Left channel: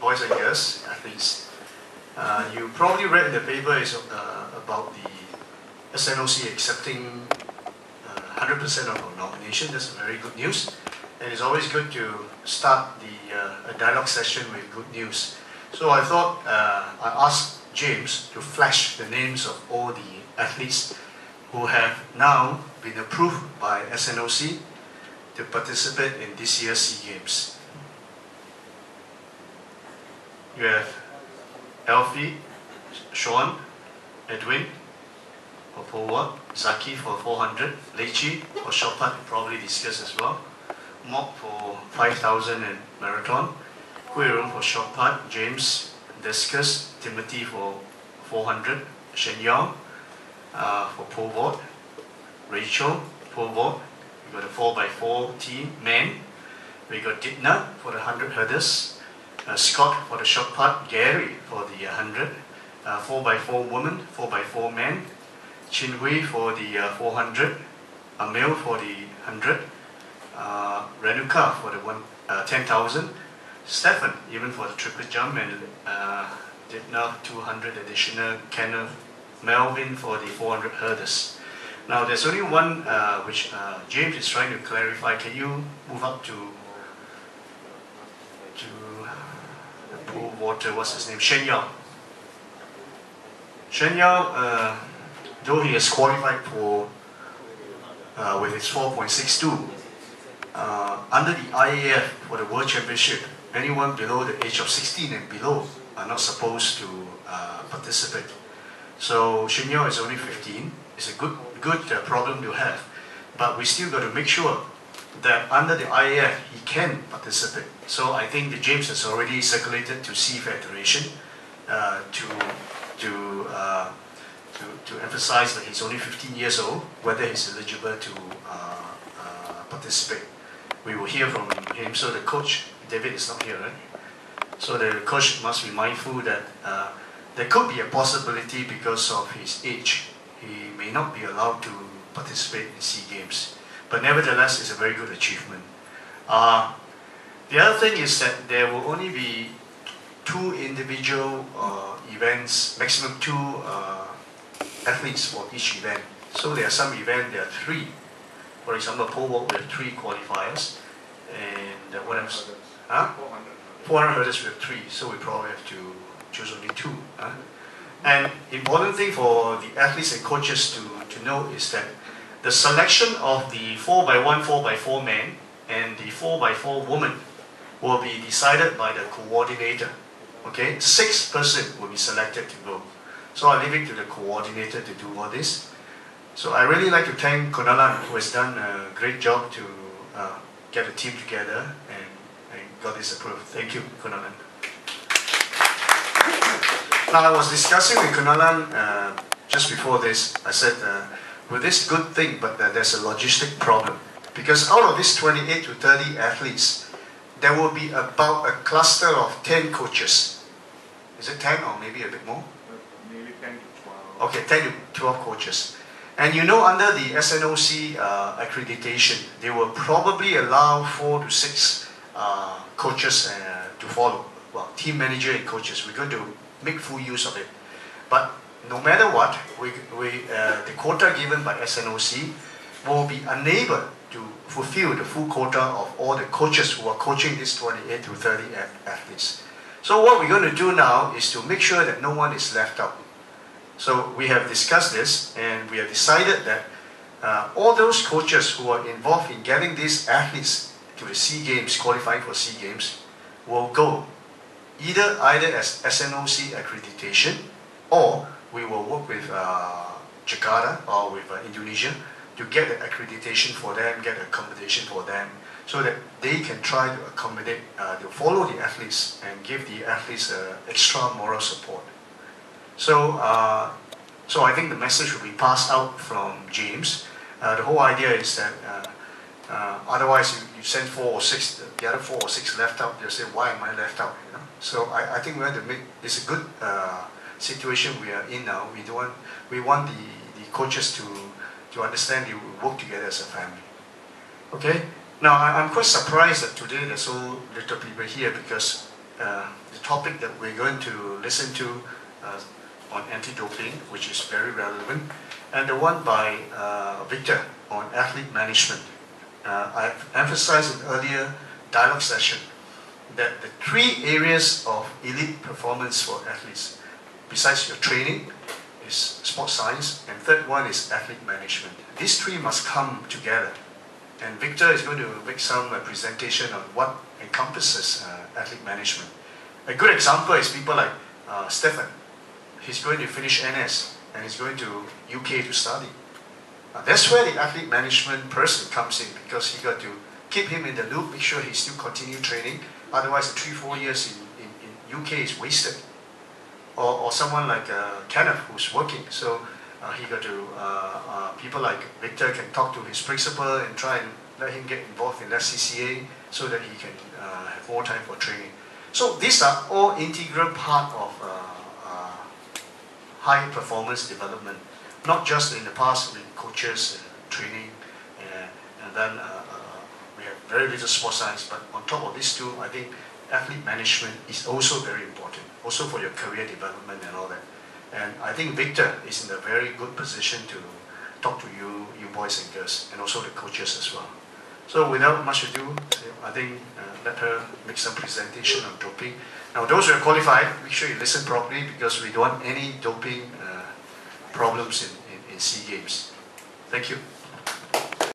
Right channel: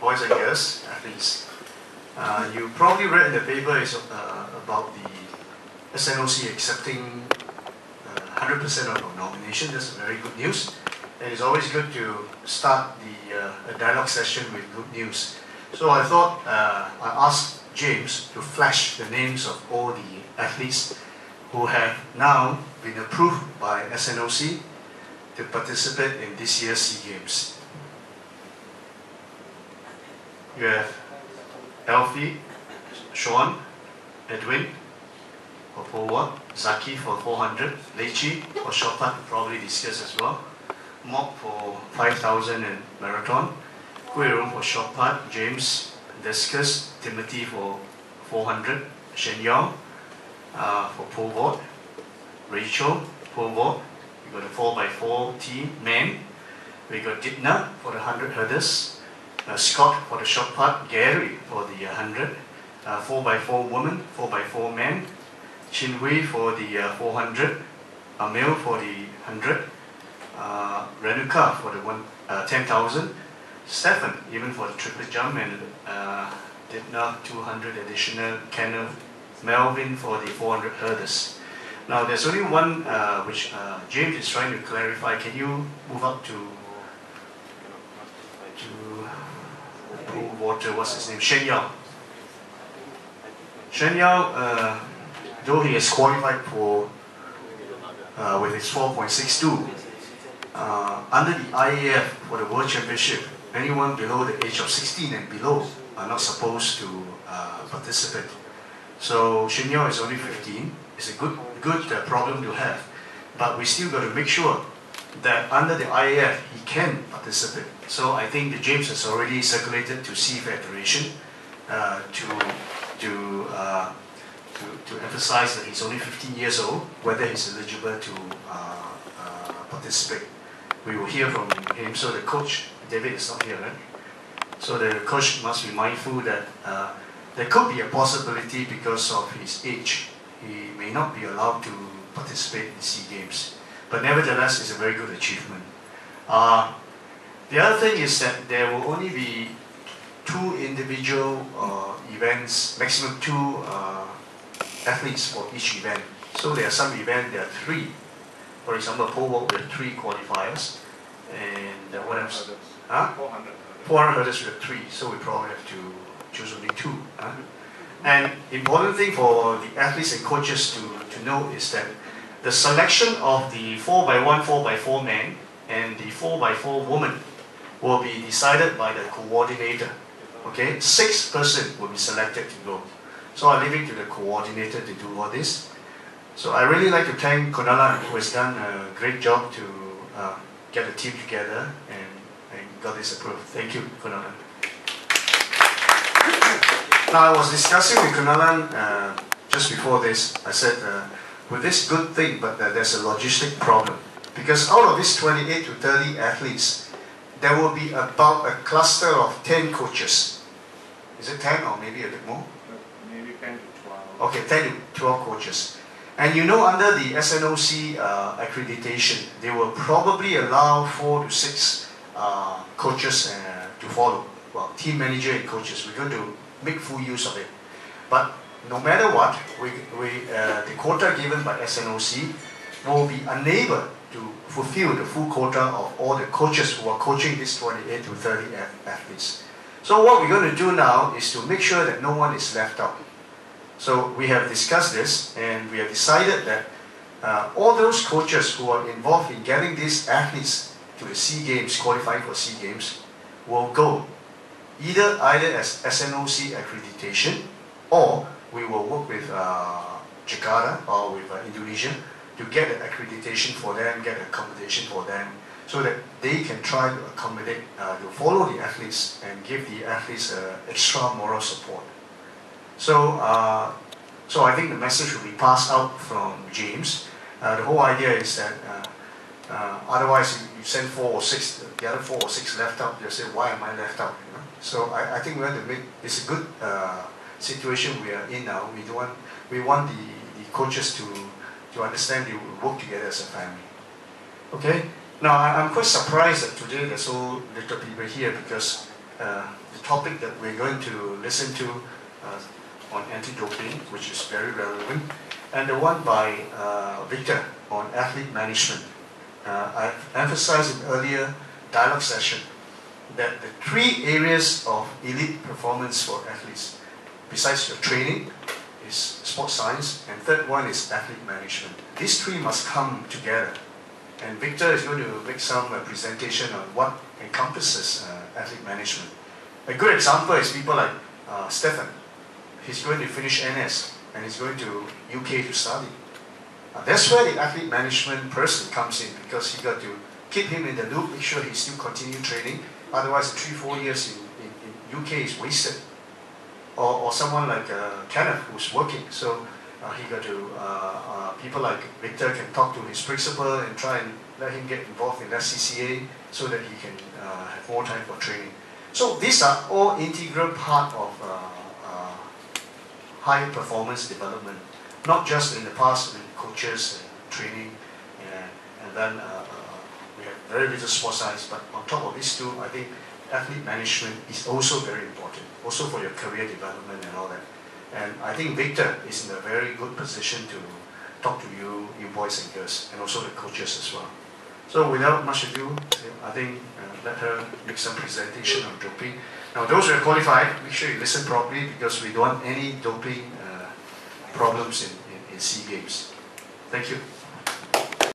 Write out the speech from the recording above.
boys and girls, athletes. You probably read in the paper about the SNOC accepting 100% of our nomination. That's very good news. And it's always good to start a dialogue session with good news. So I thought I asked James to flash the names of all the athletes who have now been approved by SNOC to participate in this year's SEA Games. You have Alfie, Sean, Edwin for pole vault, Zaki for 400, Leichi for short put, probably discussed as well, Mok for 5,000 and marathon, Kuirong for short put, James, discus, Timothy for 400, Shen Yao for pole vault, Rachel, pole vault. We got a 4x4 team, men. We got Dipna for the 100 hurdles, Scott for the short put, Gary for the 100, 4x4 women, 4x4 men, Chin Hui for the 400, Amil for the 100, Renuka for the 10,000, Stefan even for the triple jump, and Dipna 200 additional, Kenneth, Melvin for the 400 hurdles. Now there's only one which James is trying to clarify. Can you move up to the pool water? What's his name? Shen Yao. Shen Yao, though he has qualified for with his 4.62 under the IAF for the World Championship, anyone below the age of 16 and below are not supposed to participate. So Shen Yao is only 15. It's a good problem to have, but we still got to make sure that under the IAF he can participate. So I think that James has already circulated to Sea Federation to emphasize that he's only 15 years old, whether he's eligible to participate. We will hear from him. So the coach, David, is not here, right? So the coach must be mindful that there could be a possibility because of his age. He may not be allowed to participate in SEA Games. But nevertheless, it's a very good achievement. The other thing is that there will only be 2 individual events, maximum 2 athletes for each event. So there are some events, there are 3. For example, pole vault with 3 qualifiers. And what else? 400 hurdles with 3. So we probably have to choose only 2. And important thing for the athletes and coaches to know is that the selection of the 4x1, 4x4 men and the 4x4 woman will be decided by the coordinator. Okay, 6 persons will be selected to go. So I leave it to the coordinator to do all this. So I really like to thank Kunalan, who has done a great job to get the team together and got this approved. Thank you, Kunalan. Now I was discussing with Kunalan just before this. I said, with this good thing, but there's a logistic problem. Because out of these 28 to 30 athletes, there will be about a cluster of 10 coaches. Is it 10 or maybe a bit more? Maybe 10 to 12. Okay, 10 to 12 coaches. And you know, under the SNOC accreditation, they will probably allow 4 to 6 coaches to follow. Well, team manager and coaches. We're going to make full use of it. But no matter what, the quota given by SNOC will be unable to fulfill the full quota of all the coaches who are coaching these 28 to 30 athletes. So what we're going to do now is to make sure that no one is left out. So we have discussed this, and we have decided that all those coaches who are involved in getting these athletes to the SEA Games, qualifying for SEA Games, will go either as SNOC accreditation, or we will work with Jakarta or with Indonesia to get an accreditation for them, get accommodation for them, so that they can try to accommodate, to follow the athletes and give the athletes extra moral support. So, so I think the message will be passed out from James. The whole idea is that otherwise you send 4 or 6, the other 4 or 6 left out, they'll say, why am I left out? You know? So I think we have to make this a good situation we are in now. We want the coaches to understand they will work together as a family. Okay? Now I'm quite surprised that today there's so little people here, because the topic that we're going to listen to on anti-doping, which is very relevant, and the one by Victor on athlete management. I've emphasized in earlier dialogue session that the 3 areas of elite performance for athletes, besides your training, is sports science, and third one is athlete management. These 3 must come together. And Victor is going to make some presentation on what encompasses athlete management. A good example is people like Stefan. He's going to finish NS and he's going to UK to study. That's where the athlete management person comes in, because he got to keep him in the loop, make sure he still continue training. Otherwise, the 3-4 years in UK is wasted. Or someone like Kenneth, who's working. So he got to, people like Victor can talk to his principal and try and let him get involved in that CCA so that he can have more time for training. So these are all integral part of high performance development, not just in the past with coaches, training, and then we have very little sports science, but on top of these 2, I think athlete management is also very important, also for your career development and all that. And I think Victor is in a very good position to talk to you boys and girls, and also the coaches as well. So without much ado, I think let her make some presentation on doping. Now those who are qualified, make sure you listen properly, because we don't want any doping problems in SEA Games. Thank you.